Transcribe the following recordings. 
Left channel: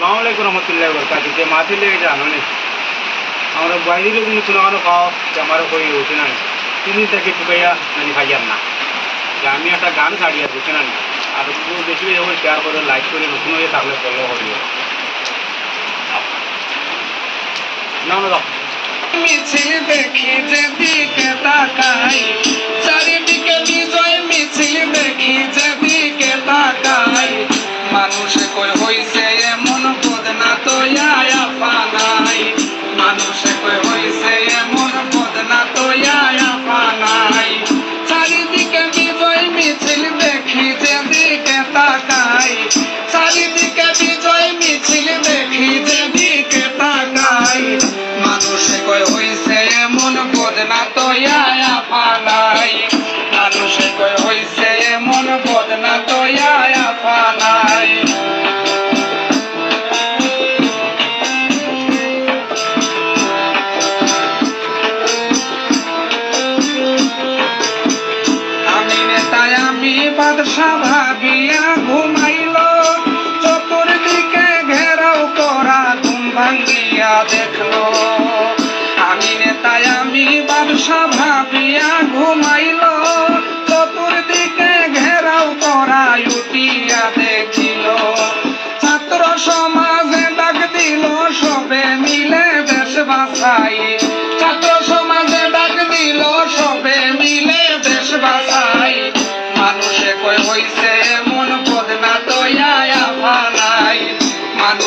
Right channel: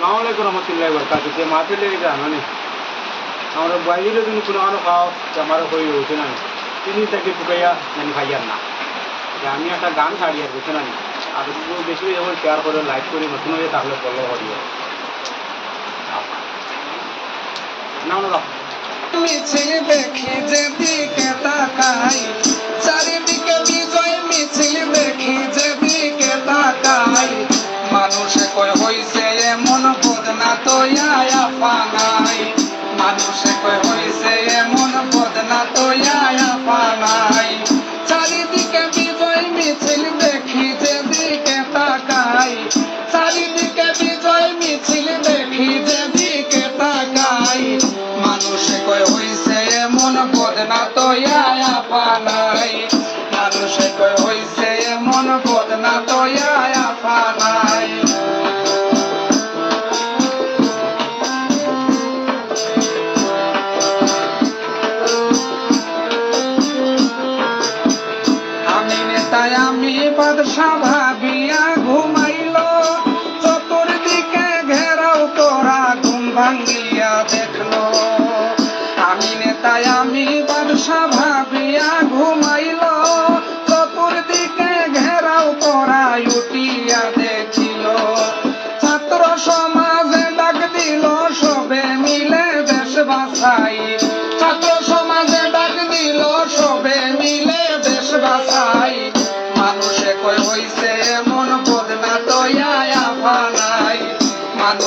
সালামালাইকুম রহমতুল্লাহ বরকাত যে মাছের লেগে জানো নি? আমরা বাইরে তুমি কোনো কারও খাও যে আমারও হয়ে উঠে না। তিনি তাকে টুকাইয়া জানি খাইয়ার না। যে আমি একটা গান ছাড়ি আর বুঝে না। আর বেশি যখন শেয়ার করে লাইক করে নতুন হয়ে তাহলে ফলো করিও না না দেখি তাকাই মানুষে কই হইছে এমন বদনা তো আয়া পানাই চারিদিকে বিজয় মিছিল দেখি যেদিকে তাকাই। চারিদিকে বিজয় মিছিল দেখি যেদিকে তাকাই। মানুষে কই হইছে এমন বদনা তো দেখল। আমি নেতায় আমি বাদশা ঘুমাইল, চতুর্দিকে ঘেরাও করা উঠিয়া দেখিল। ছাত্র সমাজে ডাক দিল, সবে মিলে দেশ বাঁচাই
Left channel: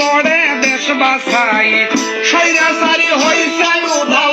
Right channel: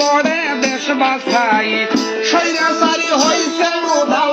গড়ে দেশ বাসাই সৈরাচারি হইছে উধাও